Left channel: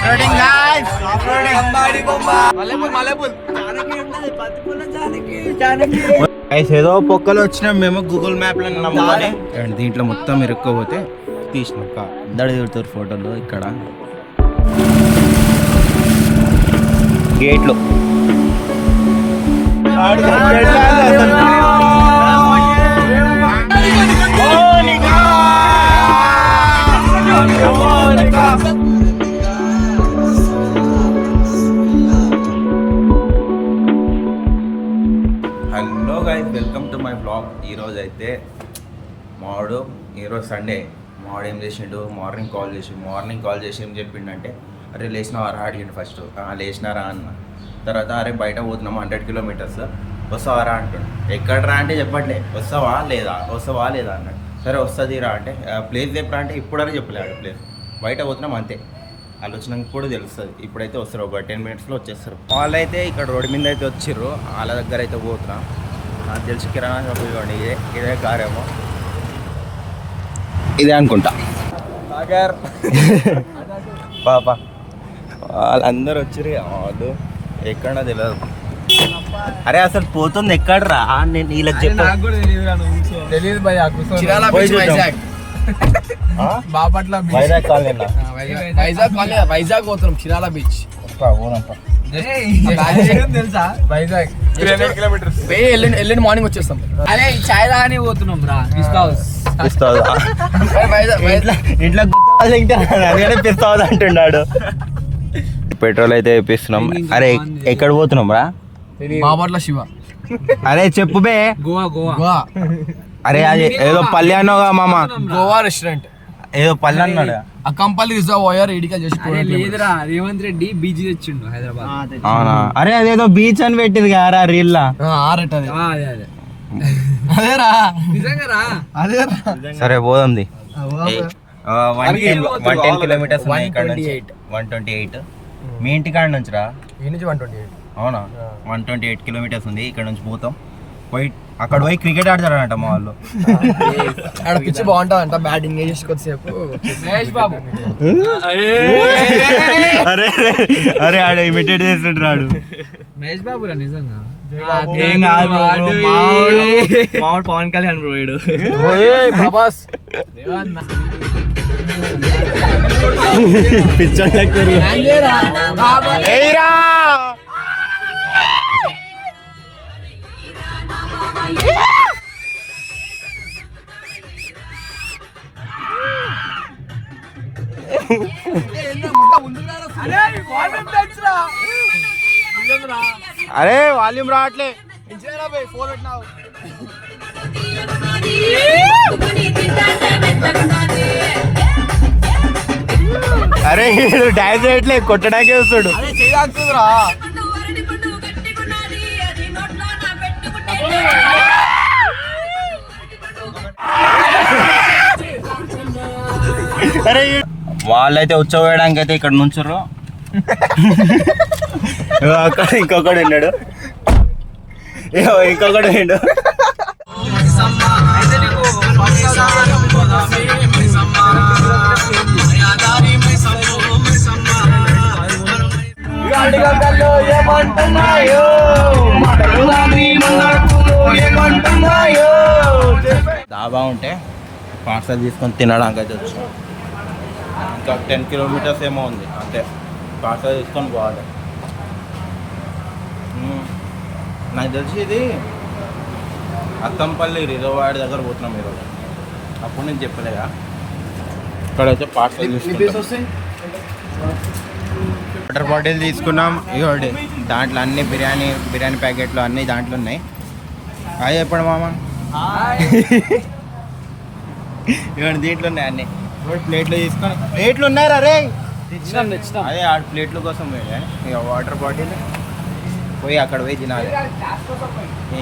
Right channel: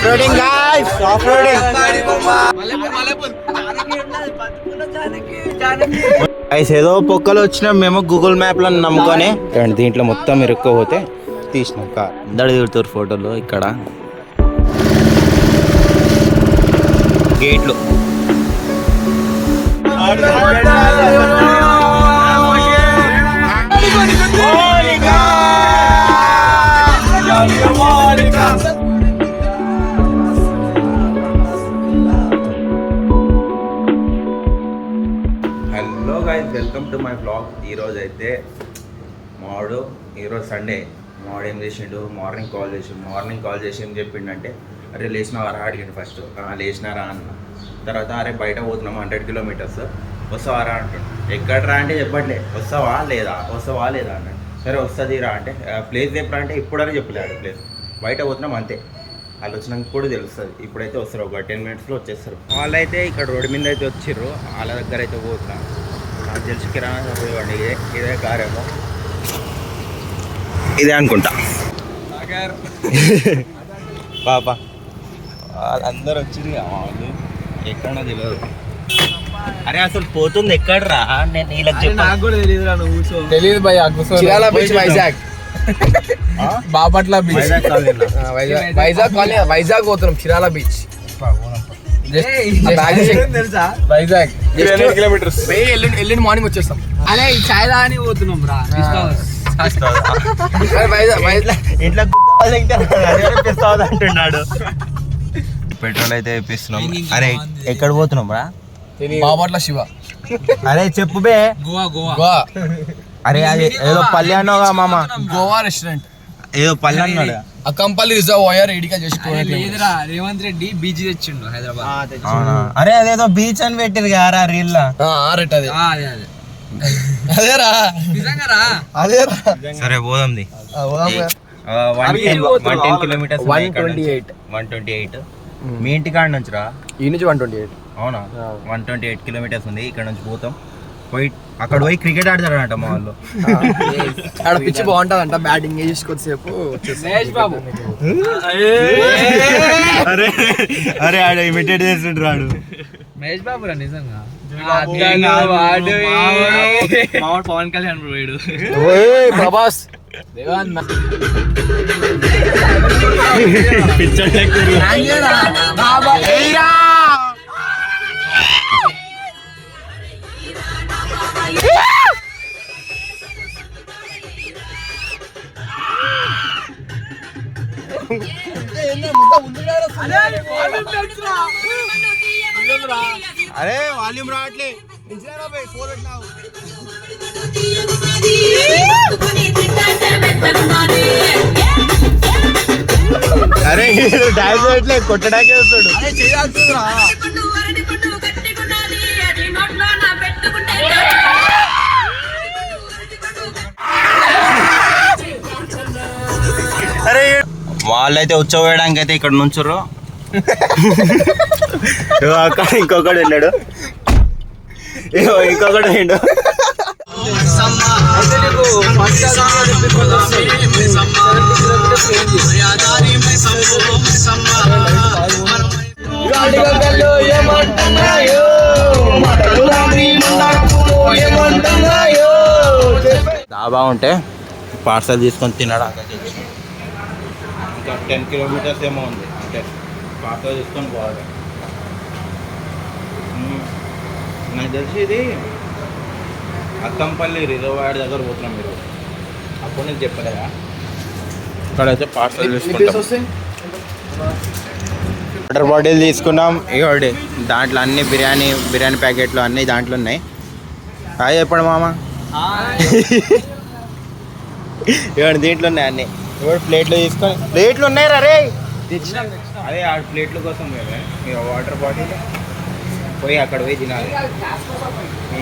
ఆఫ్రోడింగ్ guys, ఆఫ్రోడింగ్. ఏదో పొక్కలు వచ్చినాం మేము గూగుల్ మ్యాప్ లో నమ్ముకొని. దీంట్లో మొత్తం ఇరుక్కోపోతే తీసినాం కార్. అందరు దిగుతారు ఫోటోలు ఇక్కడ గేట్లు. Hello guys, welcome to my blog. ఈరోజు అయితే ఈరోజు సండే. మావాడు ఏం చేసిండు, మార్నింగ్ కాల్ చేసి ఏం చెప్పిండంటే, అరే లేచినావారా అడిగిండు. ఫస్ట్ లేచినారా అన్న. తర్వాత అరే బయట పోతున్నాము 100 కిలోమీటర్స్, వస్తావారా అంటుండు. ఎక్కడరా అంటే చెప్పట్లే, వస్తావా లేదా అన్నాడు. సరే వస్తుంది రా అంటే, ప్లేస్ చెప్పరా అంటే ఇప్పుడని చెప్పలేడు. ప్లేస్ బయట పోతున్నాం అంతే, వాళ్ళు వచ్చినాక కూడా తెలుస్తుంది. ఇప్పుడైతే వస్తారు, ఒక 10 మినిట్స్లో వచ్చేస్తారు. వాళ్ళైతే ఇక్కడ రోడ్డు మీద అయితే వచ్చిర్రు, వాళ్ళ దగ్గర అయితే పోతున్నాం. నాకు తెలిసి కిరాణా షాప్ ఇవ్వండి, ఇదే కారేమో, ఇదే అనుకుంటా. పాప వాళ్ళందరూ వచ్చిర్రు, వాళ్ళు ఎక్కడా తెలియదు. అరే అసలు పోతుంది ఎక్కడరా, నేను వీళ్ళకి చెప్పాను. బాపట్ల వైజాగ్ పోతున్నాం, చిరాల బీచ్. వైజాగ్ ఎల్లుండి మార్నింగ్ వచ్చేస్తాం. అదే ఈ చాయ్ రాని పోతున్నాం రా. ఇట్లా అంటున్నాడు. పెట్రోల్ అయితే వేపిస్తున్నాం. అరే ఎక్కడ పోతున్నాం రా? బాపట్ల శివ. అరే చెప్పు బే. గోవా. అరే అది ఏదో పల్లెనో మామ, గోవా రెస్టారెంట్ ఏదో పల్లె అక్కంపల్లి రిజర్వాయర్ ఎడికా చేసి లేదురా, రేవంత్ రెడ్డి బీచ్ తెచ్చిండు హైదరాబాద్. అరే అదేదో బీచ్ అని పెట్టింది కదా రీల్ లా. అదేరా అదేరా. సరే పోదాంది. 110 కిలోమీటర్స్ 128. మీ ఇంటి కాడ నుంచి రా? ఈ నుంచి 128. అవునా? 128 కిలోమీటర్స్ ఉంది. ఇక్కడ నుంచి పోతాం. అక్కడ పోయి క్రికెట్ ఆడతారంట మా వాళ్ళు. అక్కడ పిచ్చి బాగుంటదంట, బ్యాటింగ్ చేసి కొద్దిసేపు. మహేష్ బాబు అరే ఆడ ఇమిటేట్ చేస్తుంటారు ఆడు. మహేష్ బాబు రా నిజంగా. మామూలు పవన్ కళ్యాణ్ పోయాడు. ప్రభాస్ అరే వాల్యూమ్ రావట్లే. అరే డాన్స్ రావట్లే, కొట్టడాకే వస్తాడు. అరే వాళ్ళైతే ఉచ్చవేయడానికి అయితే ఇక్కడ నుంచుర్రు. అక్కడ ఇంకొకడు ఉన్నాడు, ఇంకొకడు ఉండు. డాబా ఉంటే పార్సల్ తీసుకొని తినడానికి అయితే వచ్చాం. ఇంకా 10 కిలోమీటర్స్ ఏమో ఉంది అంతే, పార్సల్ తీసుకొని పోవాలి. నాకు తెలిసి ఇది అత్తంపల్లి రిజర్వాయర్ దగ్గర పోతున్నాం ఈరోజు. అప్పుడు నేను చెప్పలేదా, ఇక్కడైతే పార్సల్ తీసుకుంటాం. వాటర్ బాటిల్ తీసుకున్నాం. ఇవ్వండి, దాంట్లో అన్ని బిర్యానీ ప్యాకెట్లు అన్నీ దాంట్లో ఉన్నాయి. హాయ్ చెప్పండి మామ. ఇవ్వండి, దీంట్లో ఉన్నాయి అన్నీ. ఇప్పుడు ప్లేట్లు తీసుకొని, ప్లేట్లు ఉన్నాయి రా రే. అదే ఆ ప్లేట్ల కోసం వేరే. ఇక వాటర్ బాటిల్ పోయి అక్కడ పోయి తినాలి.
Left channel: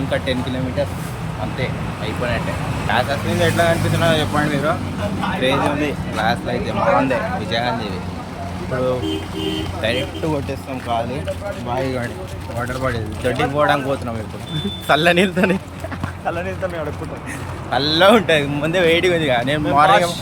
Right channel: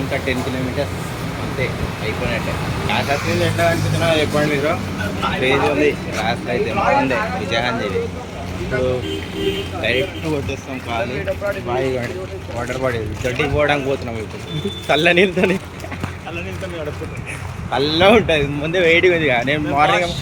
ఇంకా 10 కిలోమీటర్స్ అంతే, అయిపోయినట్టే. గ్లాస్ వస్తుంది. ఎట్లా కనిపిస్తున్నా చెప్పండి మీరు. క్రేజీ ఉంది గ్లాస్లో అయితే, బాగుంది విజయగాంధీవి. ఇప్పుడు డైరెక్ట్ కొట్టేస్తాం ఖాళీ. బాగా వాటర్ బాటిల్ దొడ్డికి పోవడానికి పోతున్నాం. ఇప్పుడు చల్ల నీళ్ళతో అడుక్కుంటాం. చల్ల ఉంటుంది, ముందే వేడిగా ఉంది. నేను మార్నింగ్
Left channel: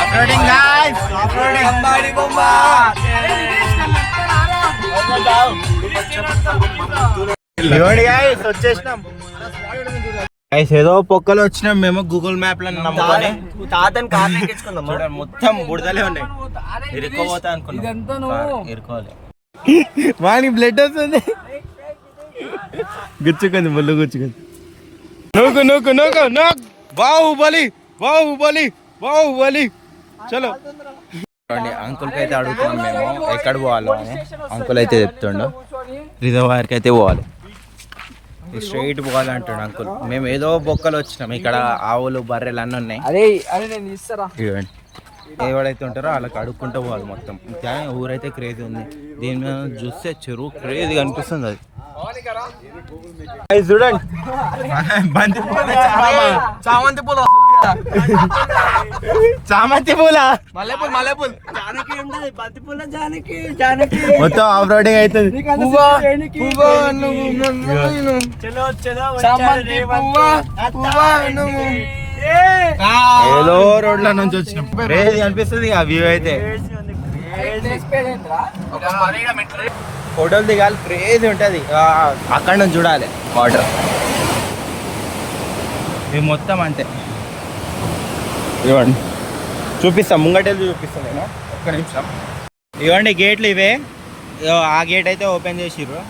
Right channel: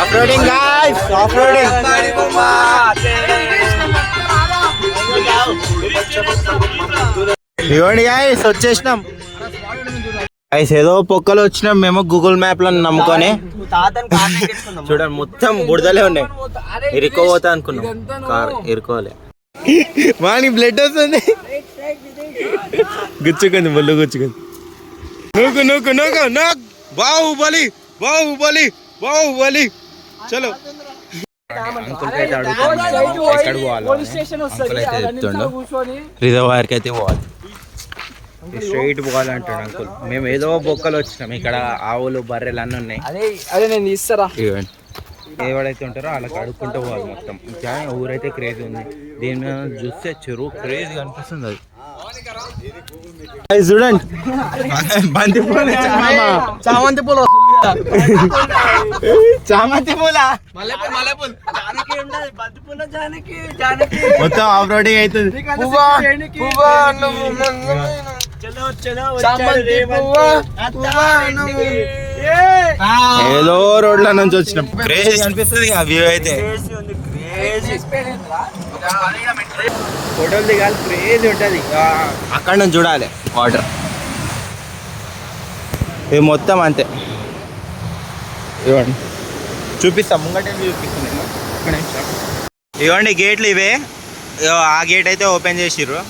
ఆఫ్రోడింగ్ గాయ్స్, ఆఫ్రోడింగ్. ఇవ్వండి గాయ్స్, వచ్చేసినాం గాయ్స్. ఏదో పొక్కలు వచ్చినాం మేము గూగుల్ మ్యాప్ లో నమ్ముకొని. చూడండి మొత్తం బుడదలే ఉన్నాయి. ఇరుకోపోతా అనుకున్నాం, కార్ ఇరుకోలే. వానికి బ్లడ్ వస్తుంది, గుచ్చుకుంది, ముళ్ళు గుచ్చుకుంది. నూకు నూకు నూకు నూక్. బాహుబలి బాహుబలి బాహుబలి. చలో అంకుల్ అయితే అడుగుతున్నాం మేము ఎక్కడ పోవాలో. అంకుల్ అయితే చెప్తుండో రిజర్వాయర్కి అయితే పోవాలి, స్ట్రైట్ పోవాలంటాడు అంకుల్. మేము ఏదో బొక్కలు వచ్చినాం, ఇక్కడ ఆవులు బర్రెలు అన్నీ ఉన్నాయి. అదే నేను తీస్తారా. ఇవ్వండి, ఎవరైతే ఉంటారో వాళ్ళకి అడుక్కుంటూ పోవాలి మొత్తం. ఇంకా ఊరైతే క్రేజీ ఉంది. దీని మీద చూస్తే చెరువు క్రేజీ కనిపిస్తుంది. అది చూడండి, బంతి పూలు, చామంతి పూలు, చామంతి పూల మల్లెపూలు, మల్లెపూలు, మొత్తం ఆఫ్ రోడింగ్ అవుతుంది. రోడ్ల నుంచి వచ్చినాం, క్రేజీ అనిపిస్తుంది ఆ వ్యూ అయితే. ఫోటోలు దిగాలి, క్రేజీ ఉంటుంది. అక్కడ నుంచి చూడాలి వాటర్. ఇవి మొత్తం అంతే. ఇవ్వండి చూపిస్తాం, ముంగటెళ్ళి చూపిస్తాం నేను ఒక్క నిమిషం. ఇవ్వండి గేట్లు ఇవే. ఆ గేట్ అయితే ఓపెన్ చేసిర్రు,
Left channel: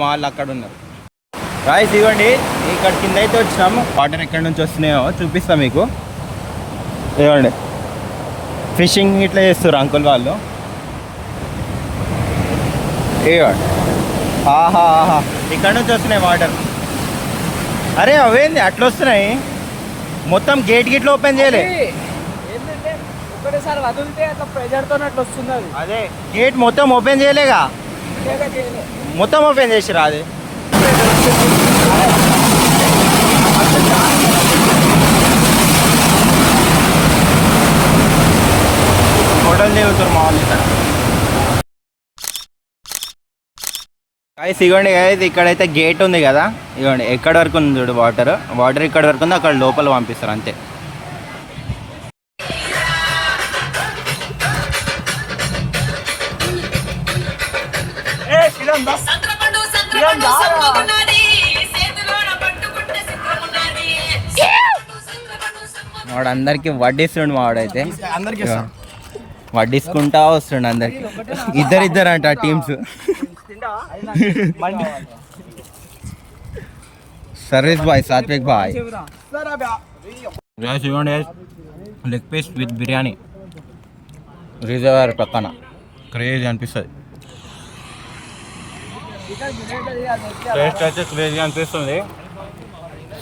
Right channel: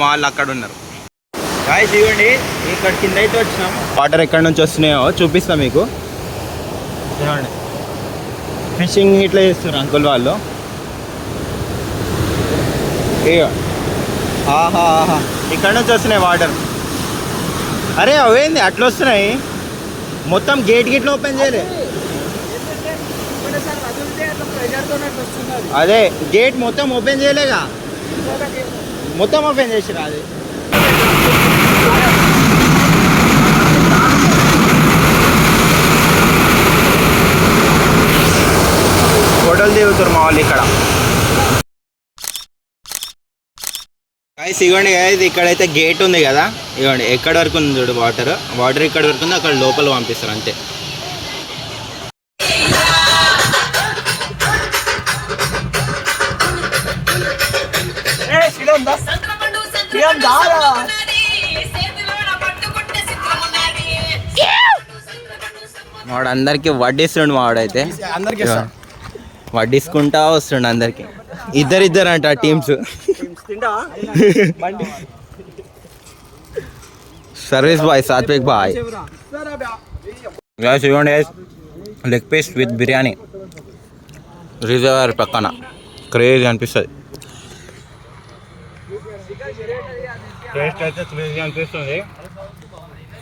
మా వాళ్ళు అక్కడ ఉన్నారు. గాయ్స్ ఇవ్వండి, ఇక్కడ కింద అయితే వచ్చినాం. వాటర్ ఎక్కడి నుంచి వస్తున్నాయో చూపిస్తాం మీకు. ఇవ్వండి, ఫిషింగ్ ఇట్లా చేస్తారు అంకుల్ వాళ్ళు. ఇవ్వండి, ఆహా ఆహా, ఇక్కడ నుంచి వస్తున్నాయి వాటర్. అరే అవేంది అట్లా వస్తున్నాయి? మొత్తం గేట్ గిట్లు ఓపెన్ చేయలే. అదే గేట్ మొత్తం ఓపెన్ చేయలేగా, మొత్తం ఓపెన్ చేసిరా. అది ఫోటోలు దిగుతారు మా వాళ్ళు ఇక్కడ. గాయ్స్ ఇవ్వండి గాయ్స్, ఇక్కడైతే గేట్ ఉంది కదా, ఇవ్వండి ఎక్కడి వరకు ఉంది చూడు వాటర్. వాటర్ ఇక్కడ వరకు ఉంది, అక్కడ లోపల పంపిస్తారు అంతే. వాడు అందరికి వడ్డిస్తుండు, మా వాడైతే వడ్డిసుకుంటా వస్తుండు అందరికి. ఇద్దరు అంట teams. Service boy, Sathvik boy. ఇవ్వండి leg piece with biryani, reservoir పక్కన, క్రేజీ అనిపిస్తుంది. టేస్ట్ అయితే క్రేజీ అనిపిస్తుంది.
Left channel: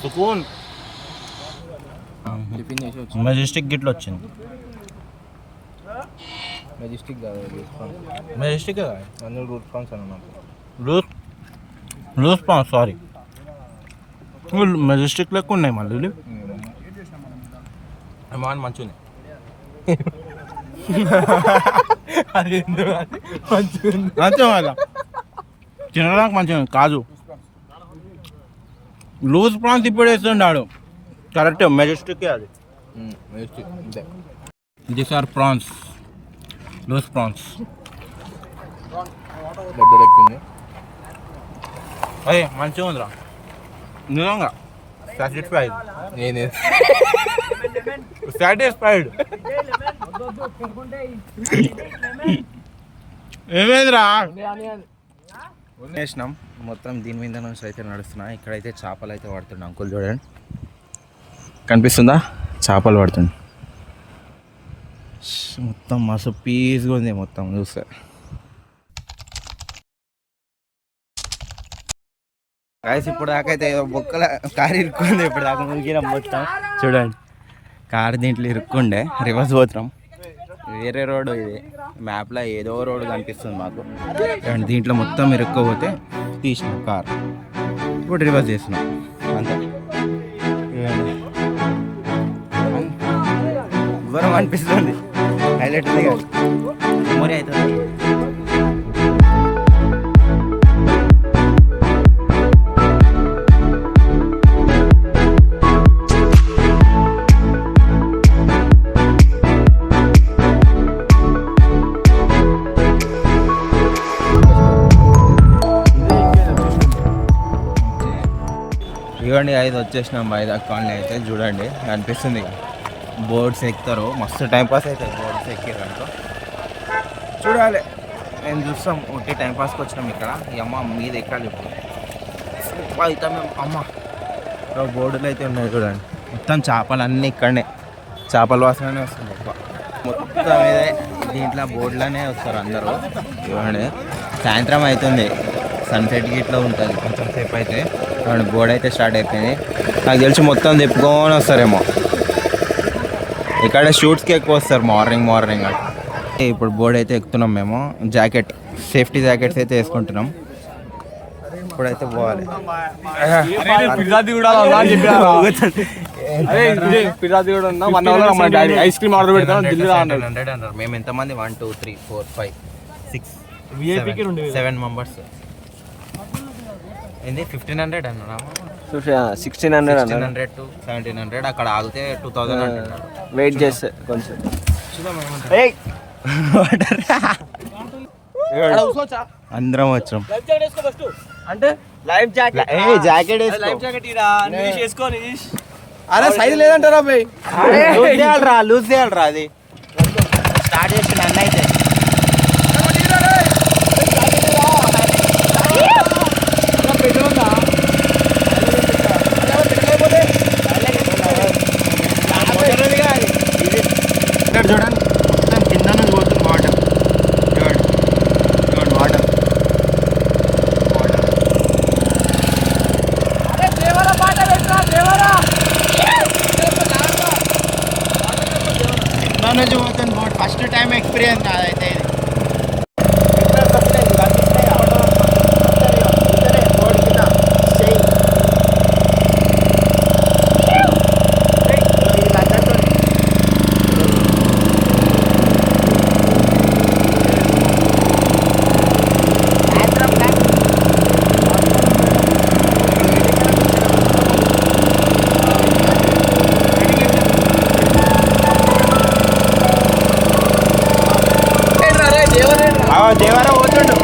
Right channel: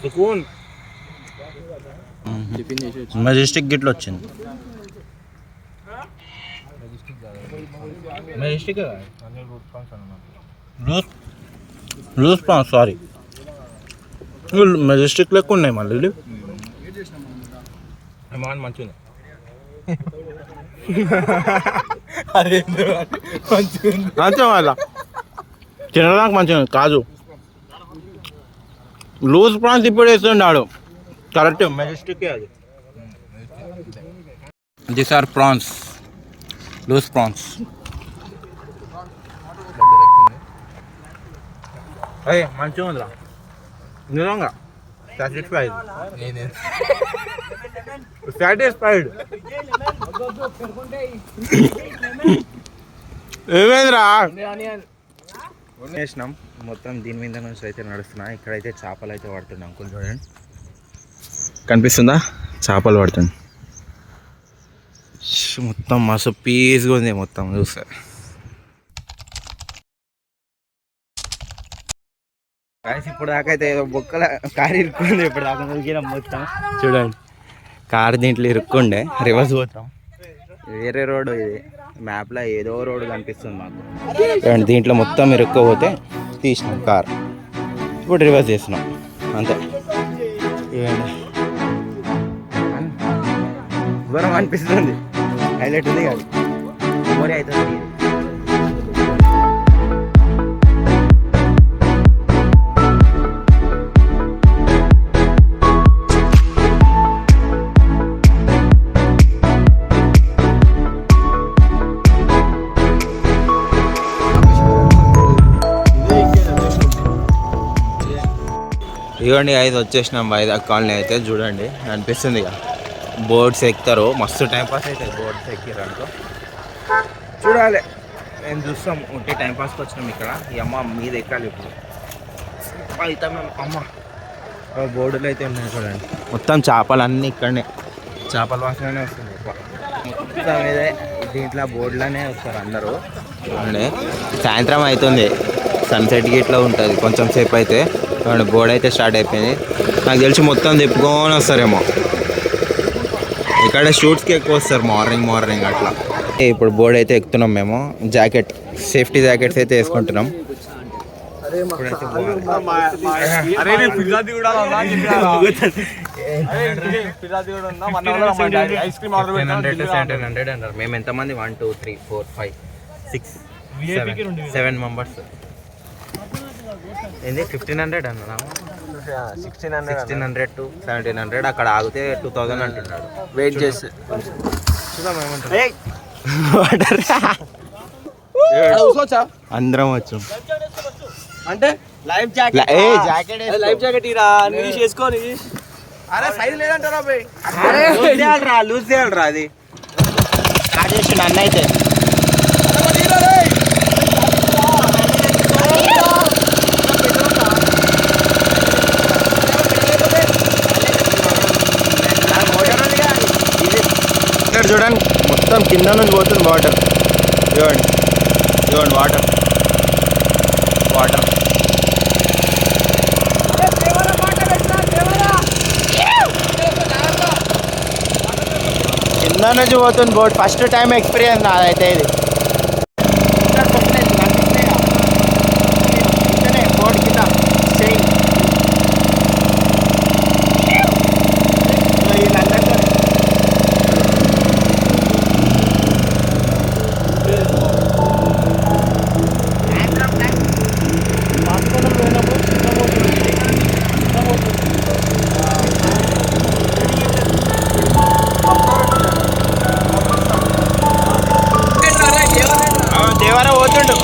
సుకూన్. మెజెస్టిక్ గిట్ల వచ్చింది. Majestic loose prawns, sorry majestic లెక్క ఉన్నాయి మళ్ళీ. మంచిగా అంతే మళ్ళా తినడానికి మంచిగా కాదు. లూజ్ ప్రాన్స్ ఇప్పుడు వేస్తుండాడు కరెక్ట్, మెజెస్టిక్ అది. This are prawns, loose prawns. అదే మంచిగా ఉందిరా నిజంగా. Satisfied, satisfied. ఏమైందిరా వేసినాం మొత్తం. దీని మీద నుంచి అయితే నడుస్తున్నా. ఇక్కడైతే చేపలు అయితే పడుతుండే అంకుల్, చూడండి కనిపిస్తుందా, చేపలు పడుతుంది. మొత్తం మస్తు పీస్గా ఉంది మొత్తం చూస్తే. గైస్ ఇప్పుడు దాకా అయితే ఏదో బొక్కల కారు ఇరుక్కుంది. ఇప్పుడు దాకా దొరికినాం మొత్తం. చూడండి కారు దీంట్లో ఇరుక్కుండే, రివర్స్ పోతున్నాం. వేరే రోడ్డు ఇది, మ్యాప్లో ఏదో రోడ్డు కనిపిస్తుంది మాకు. చూడండి దీంట్లో మొత్తం ఇరుక్కోపోతే తీసినాం కార్. ఇప్పుడు రివర్స్ చేస్తున్నాం అంతే. ఇవ్వండి ఘోరం అనిపిస్తుంది. హైలైట్ ఉంది కానీ మెమొరీ అవుతుంది. ఇవ్వండి 5 వచ్చేసినాం వైజాగ్ కాలనీ అయితే. చూడండి అనిపిస్తుంది ఇక బోర్డ్స్ ఎక్కుతారు, మస్తు టైంపాస్ అవుతుంది బోర్డ్స్ ఎక్కిరనుకో. చూడాలి, నేను చూస్తాం ఉంటే టైంపాస్కి వచ్చినాం ఇక్కడ. ఈ అమ్మ మీద ఎక్కాలి ఇప్పుడు అయితే మేము. అమ్మ బోర్డులు అయితే ఉన్నాయి చూడండి, మొత్తం చేపలు అన్నీ ఇక్కడనే, చేపల వాసననే వస్తుంది ఎక్కువ మొత్తం ఇదే. దీంట్లో బోర్డులోనే వస్తారు అందరూ. చూడండి సాయంత్రం అవుతుంది, సన్సెట్కి ఇట్లా ఉంటుంది కొంచెం సేపు అయితే. బోర్డు అయితే స్టార్ట్ అయిపోయింది. నాకు తెలిసి మొత్తం తిప్పుకొని వస్తారేమో. ఇక్కడ షూట్స్కి ఎక్కువ వస్తారు మార్నింగ్ అట్లా. ఇప్పుడు బోర్డు అయితే ఎక్కుతున్నాం మేము. జాకెట్, సేఫ్టీ జాకెట్స్ అయితే వేసుకుంటున్నాం. ఇప్పుడైతే పోవాలి. 1700 అన్నారు. మేము ఎంతమంది 1 2 3 4 5 6 7 మెంబర్స్. ఏంది 1500 అన్నారా? 1600 to 1700. అక్కడ ఆగితే 2000 అంటున్నాడు. వెయిట్ చేస్తే చూద్దాం ఏమంటారు. అందరం వచ్చాం అంటే లైఫ్ జాకెట్. లైఫ్ జాకెట్ ఇరా నిష్ వేసుకోని. అరే సైజ్ లేదంటారా అబ్బాయి? లూజ్ చేయాలరా. అది స్టార్ట్ చేసి అన్న అయితే చూడండి మొత్తం కింద నుంచి పోతుంది వాటర్. చూడండి వాటర్ కింద నుంచి పోతుంది బోట్. ఫస్ట్ టైం ఎక్స్పీరియన్స్ నాదైతే ఇది. కనిపిస్తున్నాయి బోట్ కింద వీళ్ళందరితో. దేవరా పోతుండు.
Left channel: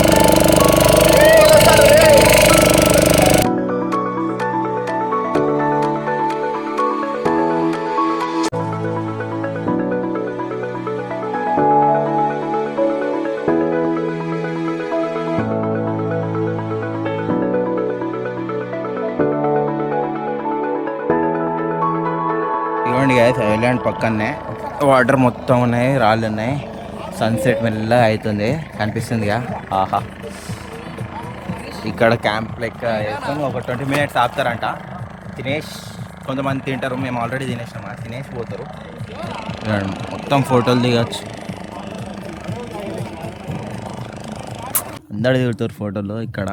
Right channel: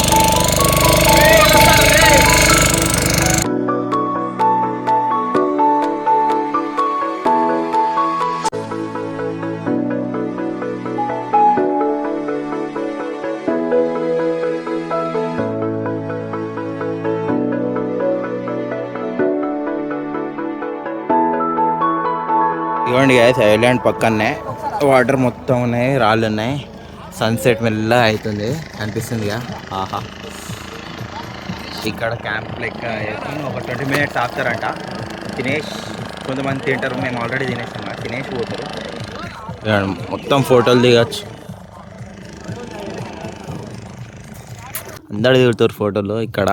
ఇవ్వండి గైస్, ఐలాండ్ పక్కనే వాటర్ మొత్తం ఉన్నాయి, రాళ్ళు ఉన్నాయి. సన్సెట్ మెల్లగా అవుతుంది, కనిపిస్తుందిగా. ఆహా, ఇక్కడ క్యాంప్ లెక్క వేసుకొని ఒక 20 minutes ఆపుతారంట. తినేసి కొంతమంది తింటారు, మేము ఆల్రెడీ తినేసాం, తినేసి పోతారు. మొత్తం ఫోటోలు దిగచ్చు, అందరు దిగుతారు ఫోటోలు ఇక్కడ.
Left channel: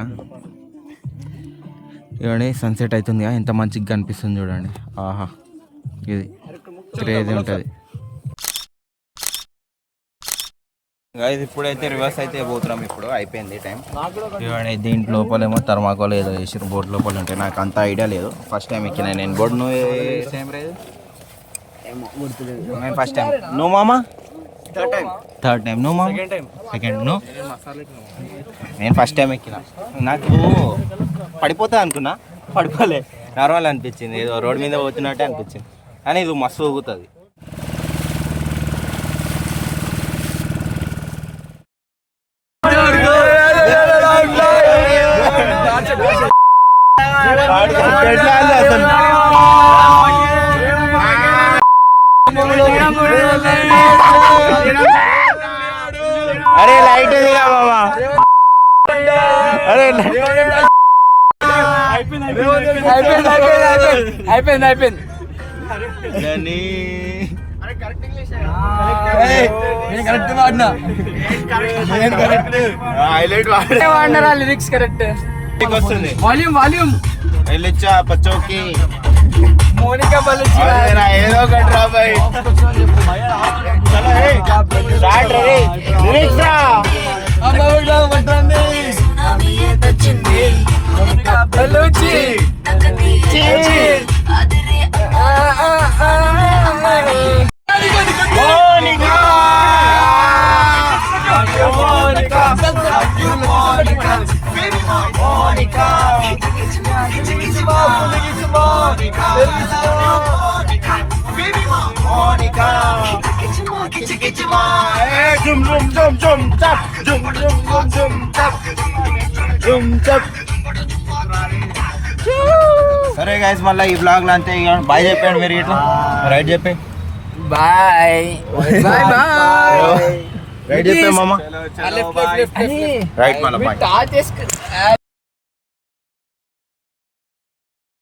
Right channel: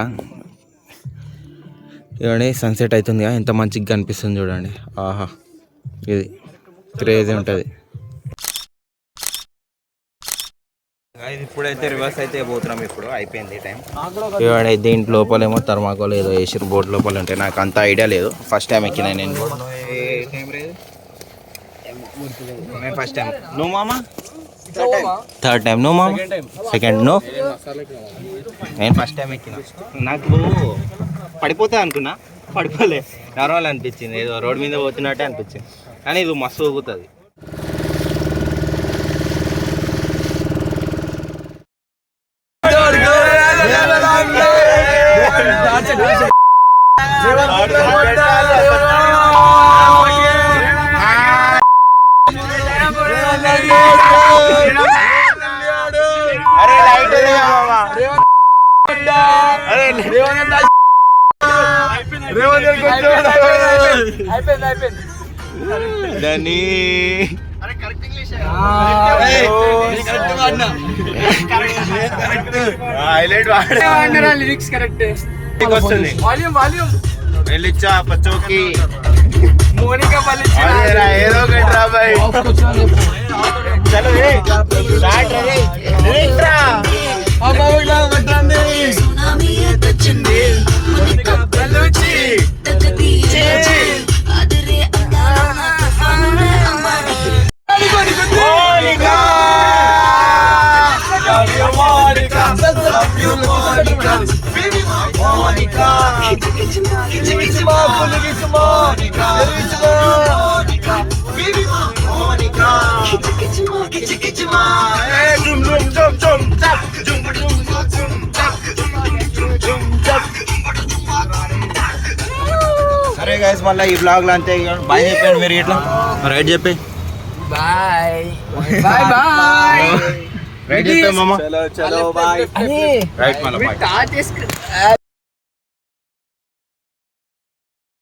ఇవ్వండి సన్సెట్ అవుతుందిగా, ఎంత మంచిగా కనిపిస్తుంది చూడండి. ఆహా, ఇది క్రేజీ ఉంటుంది. ఇప్పుడైతే రివర్స్ అయితే పోతున్నాం. ఇప్పుడు అయిపోయింది టైం. దీంట్ లోపలేమో థర్మాకోల్ ఏదో వేసి బోట్ లోపల ఉంటాయి. నాకు అంత ఐడియా లేదు, ఫస్ట్ టైం ఎక్కినా నేను బోట్. నువ్వు ఏ టైం రేదు? నేను ఫస్ట్ టైం. నువ్వు మామా? Third time. నువ్వు మామ? సెకండ్. నువ్వు? నేను ఫస్ట్ టైం ఎక్కినా. నాకు పడిపోతా అనుకున్నా, పడిపోలే, నార్మల్ అనిపించింది, ఏదో రోడ్ మీద పోతున్నట్టే అనిపించింది. కానీ ఇది మస్తు ఊగుతుంది. అయిపోయింది. అయిపోయింది దని కరెక్ట్ వాడినా హైలైట్ వాడినరా లిరిక్స్ కరెక్ట్ వస్తుంది వాల్యూమ్ వెళ్ళిచ్చా పచ్చోకి మోనికా పల్లి అదేరా ఏదో ఒకటి రా బాయ్ చలో ఏ స్టార్ట్ రే లిరిక్స్ రా మోనికా మోనికా మోనికా జుమ్ జుమ్ జుమ్ జుమ్ చప్ జుమ్ జుమ్ జుమ్ చప్ జుమ్ చప్. సరే గైస్ మళ్ళీ ఈ బ్లాగ్ లో అంతే ఇక బాయ్ చెప్పాడు మీరు ఇట్లా రైట్ చెప్పి బాయ్ రైట్ చెప్పే మామ చలో బాయ్ రైట్ మళ్ళీ బాయ్ టాచ్